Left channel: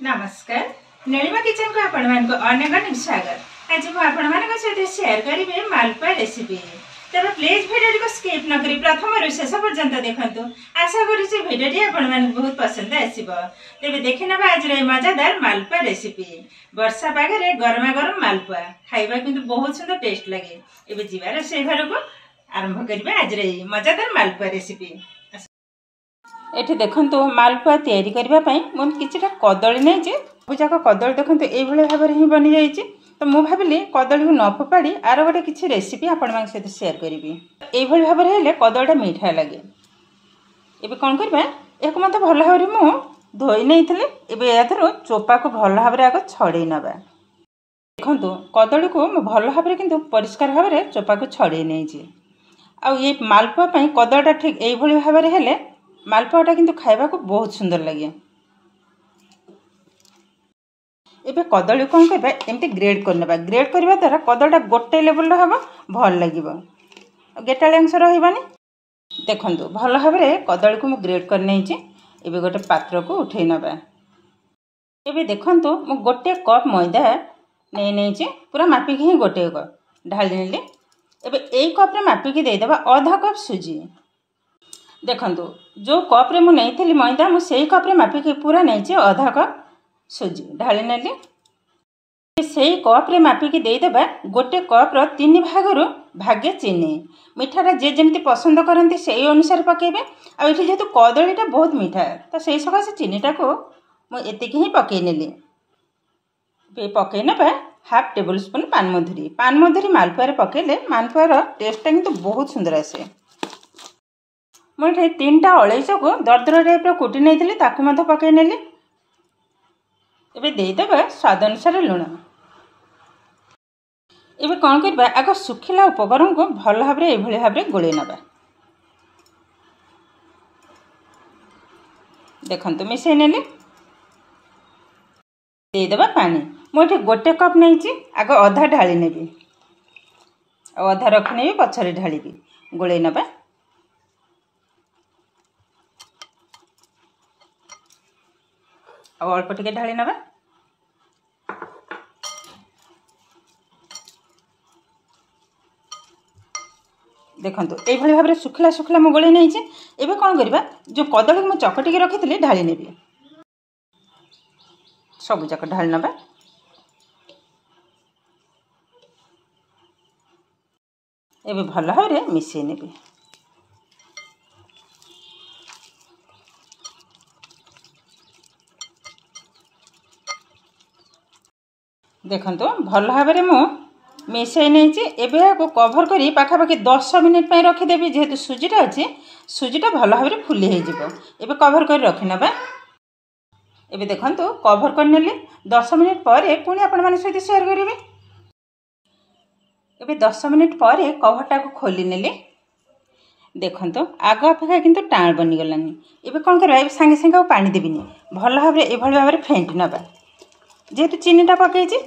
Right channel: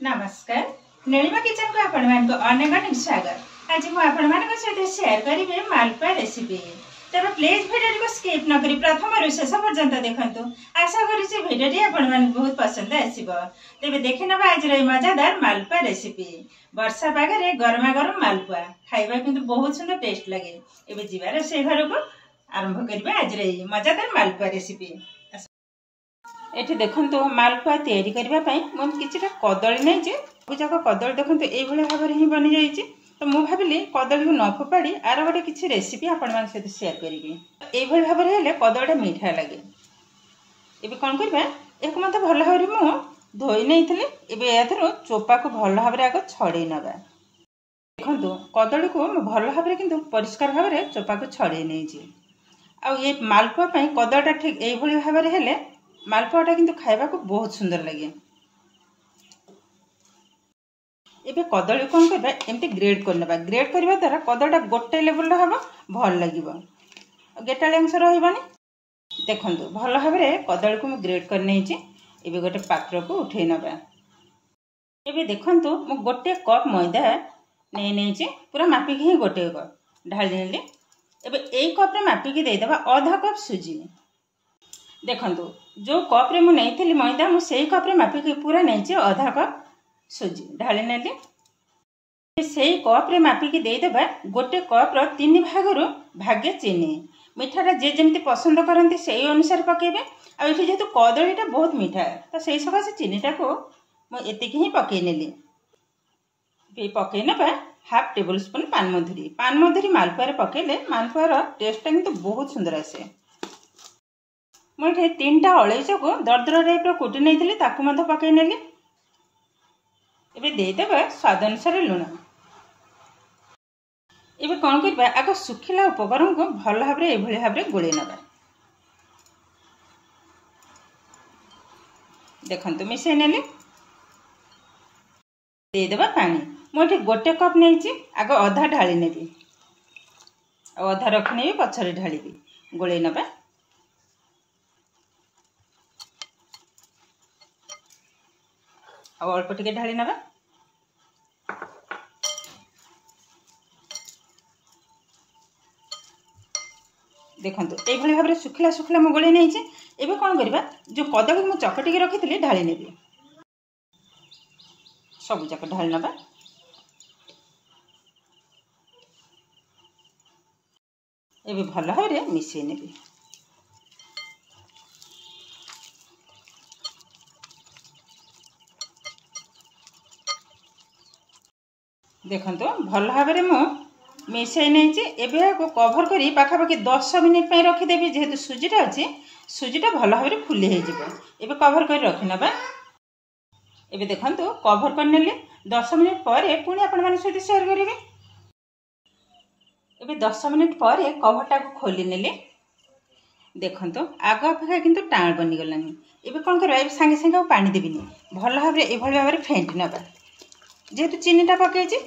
नमस्कार नीलिमा किचन को अनेक स्वागत। आज मुझे सहित शेयर करी मालपुआ रेसिपी। तब प्लीज वीडियो को स्किप न करी प्रथम शेष पर्यंत देखु। आशा करुँच भिडियो आपण बहुत पसंद आसो। तेज देखि ना आज मजादार मालपुआ रेसिपी। वर्षा पागे गरमा गरम मालपुआ खाइबा किंतु बहुत सुंदर टेस्ट लगे। एबे जीवार से घर को आरंभ करिबा आज मजादार मालपुआ रेसिपी। एठी देखंतु मालपुआ तैयारी करबा पई मन किछटा कदली नै जे बुजाक कदली देखंतु एई भले भाबर ही बनि जाई छी। तो मु भाबिली कदली को न फोपाड़ी आरो गोटे किछि रेसिपी आपण मान सहित शेयर करिबी। एई भले भाबर हेले कदलीटा मीठा लागे। एबे कोन करबा एको मते भल भाबरे मु धोई नैथिले। एबे याथरो चोपा को भल भाबरे आगो छडे नबा। देखंतु कदली को मु भल भाबरे किंतु परिष्कार भाबरे चोपा को छडे नै छी। आ ये मालपुआ पई कदलीटा ठीक एई भले भाबरे हेले मालपुआटा किंतु खाइबा को बहुत सुंदर लगे। एबे कदली कौन करबा एमती ग्रेड करनबा। ग्रेड करबा द्वारा कदलीटा गोटे लेवल हबो भल लागिबो। गेटाळे अंश रहइबानी। देखंतु भल भाबरे कदली को मु ग्रेड कर नै छी। एबे गोटे पात्र को उठै नबा। एबे देखंतु मु गोटे कप मैदा नै छी। पूरा मापी के ही गोटे कप ढाली नेली। एबे एई कप रे मापी के दे देबा आधा कप सुजी। देखंतु जो कप रे मु नैथिली मैदा मु सेई कप रे मापी के पूरा नै छी आधा कप सुजी ढाली नेली। सेई कप रे मापी के दे देबा गोटे कप रो 3 भागरु भागे चीनी। मिठाटा जे जेमती पसंद करंती सेई अनुसार पकेबे। आ एठी जेतु कदलीटा बहुत मीठा तो सेई सकासे चीनीटा को मु एतिकी ही पके नेली। बे पके नेबा हाफ टेबल स्पून पानमधुरी। पानमधुरी मालपुआ रे पकेले मालपुआ रो टेस्टटा किंतु बहुत सुंदर आसे। मुझे 3टा अलैच को दरदर टाइप कुटी नहीं ताकू मत पकई नेली। एबे देदेबा स्वाद अनुसार लुण। एबे कौन करबा आग सुखिला उपकरण को भल भाबरे एभली भाबरे गोळे नबा। देखंतु मिसै नेली। देदेबा पानी। मुझे गोटे कप नहीं छी आग अधा ढाली नेबी। अधा रखनेबी पछरे ढालीबी गोळे नबा। और अल्प टिके ढाली नबा। देखंतु एई भली भाबरे सुखला सुखला मु गोळे नै छी। एबे कोन करबा जो कदली मु चकटी के रखितली ढाली नेबी। सब जक ढाली नबा। एबे भल भाबरे मिसै नेबी। देखंतु भल भाबरे मु मिसै नै छी। एबे को कवर करी पाखापाखि 10 मिनिट पई रखि देबी। जेहेतु सुजीटा अछि सुजीटा भल भाबरे फुली हे जिवो। एबे कवर करी रखि नबा। एबे देखंतु कवर कर नेली 10 मिनिट परे पुनी आपण माने सहित शेयर करिवे। एबे 10 मिनिट परे कवरटा को खोली नेली। देखंतु आग अपेक्षा किंतु टाण बनि गलानी। एबे कोन करबा एबे संगे संगे पानी देबिनी। भल भाबरे ए भल भाबरे फेंट नबा। जेहेतु चीनीटा पकई छी।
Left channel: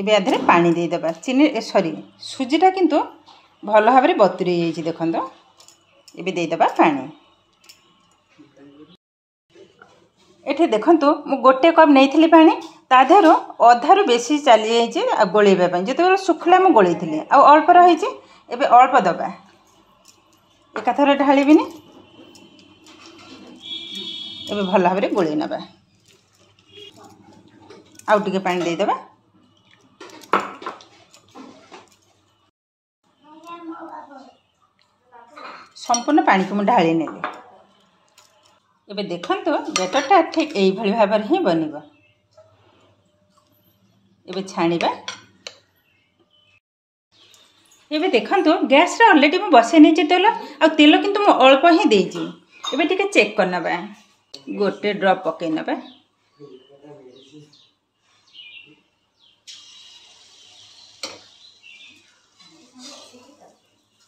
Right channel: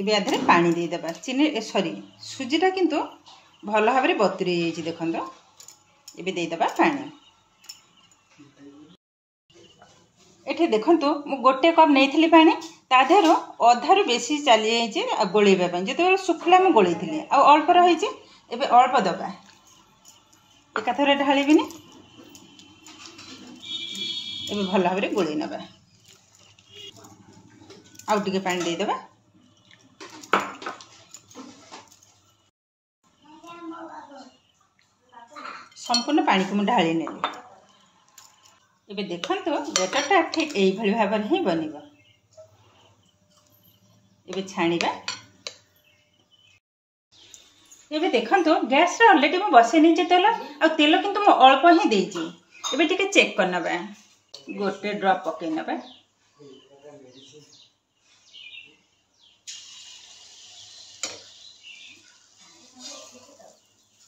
एबे आधरे पानी दे देबा। चीनी सॉरी सुजीटा किंतु भल भाबरे बतुरी जाई छी। देखंतु एबे दे देबा पानी। एठी देखंतु मु गोटे कप नैथिली पानी ताधरो अधारु बेसी चली जाई छी गोळेबा पई। जेते सुखला मु गोळेथिली आ अल्प रही छी। एबे अल्प दबा एकाथरे ढालीबिनी। एबे भल भाबरे गोळेई नबा। आउ टिके पानी दे देबा। संपूर्ण पानी को मु ढाली नेली। एबे देखंतु बेटरटा ठीक एई भली भाबरे ही बनिबो। एबे छाणीबा। एबे देखंतु गैस रे ऑलरेडी मु बसे नै छी तेल। आ तेल किंतु मु अल्प ही देई छी। एबे टिके चेक कर नबा। गोटे ड्रॉप पके नबा।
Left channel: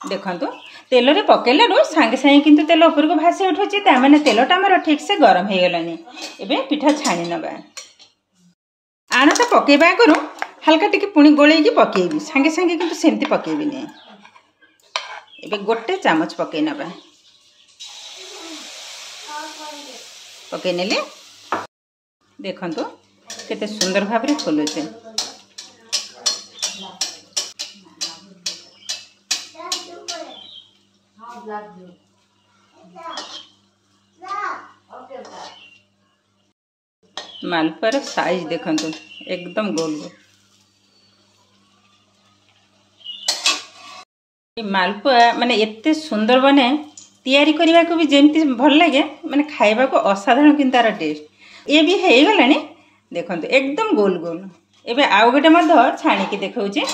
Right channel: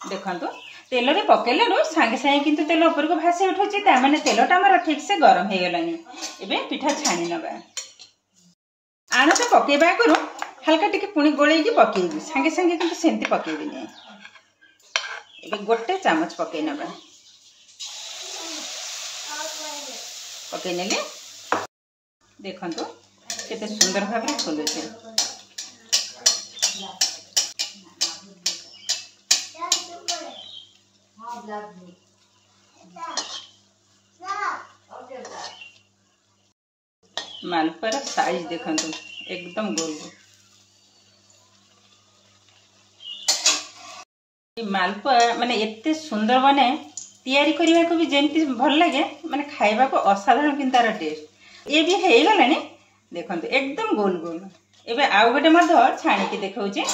देखंतु तेल रे पकेले रो संगे संगे किंतु तेल ऊपर को भासी उठुची। ता माने तेलटा हमर ठीक से गरम हे गलानी। एबे पिठा छाणी नबा। आना तो पकेबा करू हल्का टिके पुणी गोळेई की पकेबी। संगे संगे किंतु सेंती पकेबी नै। एबे गोटे चामच पकई नबा पकई नेले देखंतु केते सुंदर भाव रे फुलुचे। मालपुआर साइज देखंतु एकदम गोल गोल। मालपुआ माने एते सुंदर बने तैयारी करने को भी जेमती भल लगे माने खाइबा को असाधारण किंतु तार टेस्ट ये भी हो गलानी देखंतु एकदम गोल गोल। एबे आउ गोटे मध्य छाणी की देखौचे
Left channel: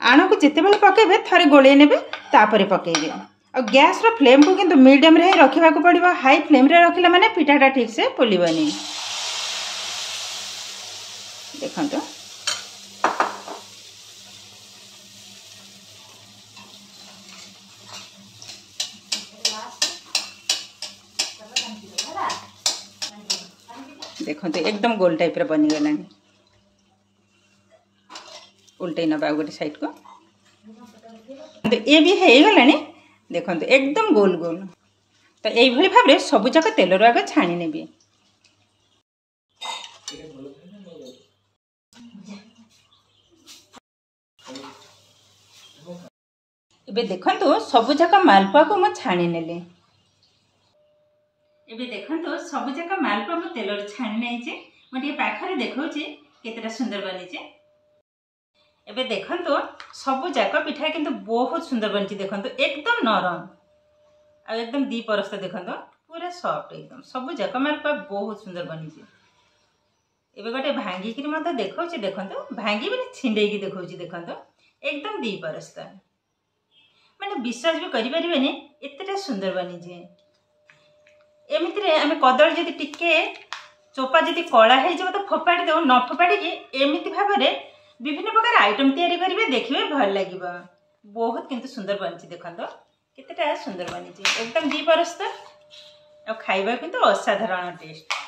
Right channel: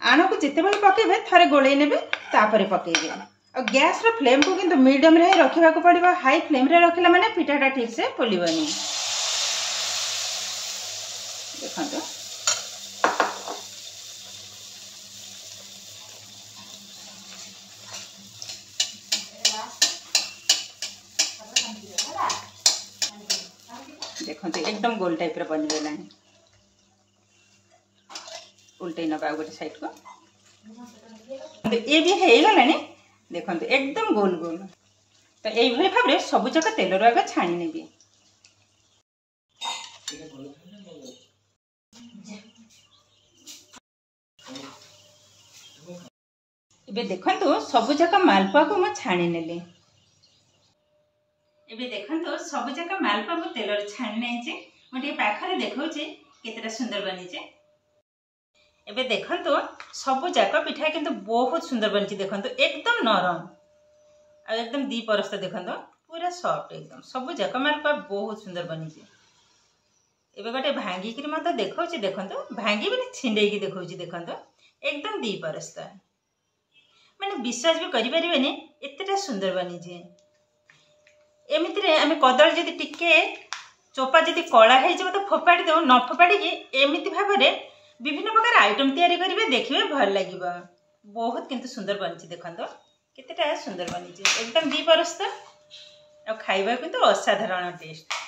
आण को जिते बेले पकेबे थरे गोळे नेबे तापरे पकेबे और गैस रो फ्लेम को किंतु मीडियम रे रखिबा को पड़िबो। हाई फ्लेम रे रखिला माने पिठाटा ठीक से फुलिबनी। देखंतु देखते एकदम गोल टाइप रे बनी गला। उल्टे नबा गोटे साइड को ये भी हो गलानी देखते एकदम गोल गोल। तो यही भाव में सबू जाक तेल आग छाणी नेबी। एबे देखंतु सबू जाक मालपुआ को म छाणी नेले। एबे देखंतु सबू जाक मालपुआ को तेल रे छाणी नेचे मोटे पाखरे देखौचे केतेटा सुंदर बनीचे। एबे देखंतु सबू जाक पिठा किंतु बहुत सुंदर बनीचे। देखंतु एकदम नरम आ एकदम दी परस्त देखंतु पूरा सॉफ्ट एकदम सबू जाक मालपुआ बहुत सुंदर बनीचे। एबे गोटे भांगी कि मत देखौचे देखंतु भांगी भी छिंडे की देखौचे देखंतु एकदम दी परस्त माने विश्वास भी करि परिबेनी एतेटा सुंदर बनीचे। एमिति रे आमे कदली जदि टिके चोपा जदि कला हे जब तो फोपाड़ी दो न फोपाड़ी की एमिति भाव में विभिन्न प्रकार आइटम तैयारी करिवे देखिबे भल लागिबो। बहुत किंतु सुंदर बनीचे देखंतो केतेटा सुंदर बनीचे एकदम दी परस्त और खाइबा किंतु असाधारण टेस्ट।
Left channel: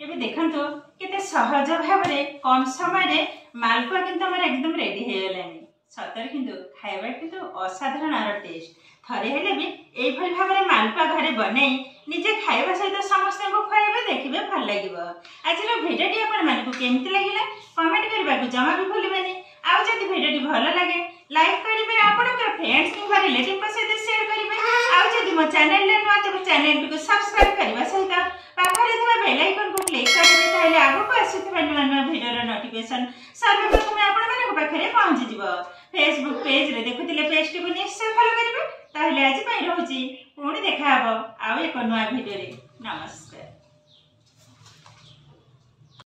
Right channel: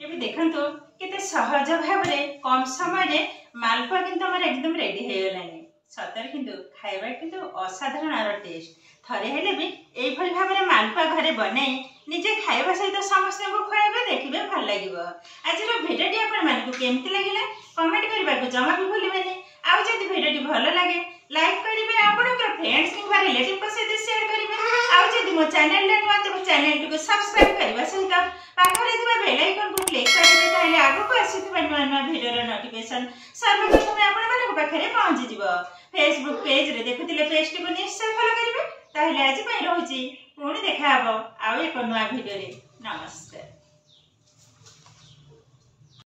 एबे देखंतो केते सहज भाव में कम समय रे मालपुआ किंतु हमर एकदम रेडी हे गलानी। सतर किंतु खाइबा किंतु असाधारण आर टेस्ट। थरे हेले भी एई भली भाव में मालपुआ घरे बनै निजे खाइबा सहित समस्त को खुआइबे देखिबे भल लागिबो। आज रो भिडियोटी आपण मानकु केमति लागिला कमेंट करबा को जमा भी भूलिबेनी। आ जदि भिडियोटी भल लागे लाइक करिबे आपनकर फ्रेंड्स किंबा रिलेटिव को सहित शेयर करिबे। आ जदि मो चैनल ले नुआ तो चैनल को सब्सक्राइब करबा सहित पाखरे थिबा बेल आइकन को क्लिक करिबे ताले आगो को आसीथिबा नुआ भिडियो रो नोटिफिकेशन सर्वप्रथम आपण मानक पाखरे पहुंची जिवो। फेसबुक पेज रे देखुतिले पेजटी को निश्चय फॉलो करिबे। ताहले आज पई रहूची पुणी देखा हबो आउ एक नुआ भिडियो रे। नमस्कार।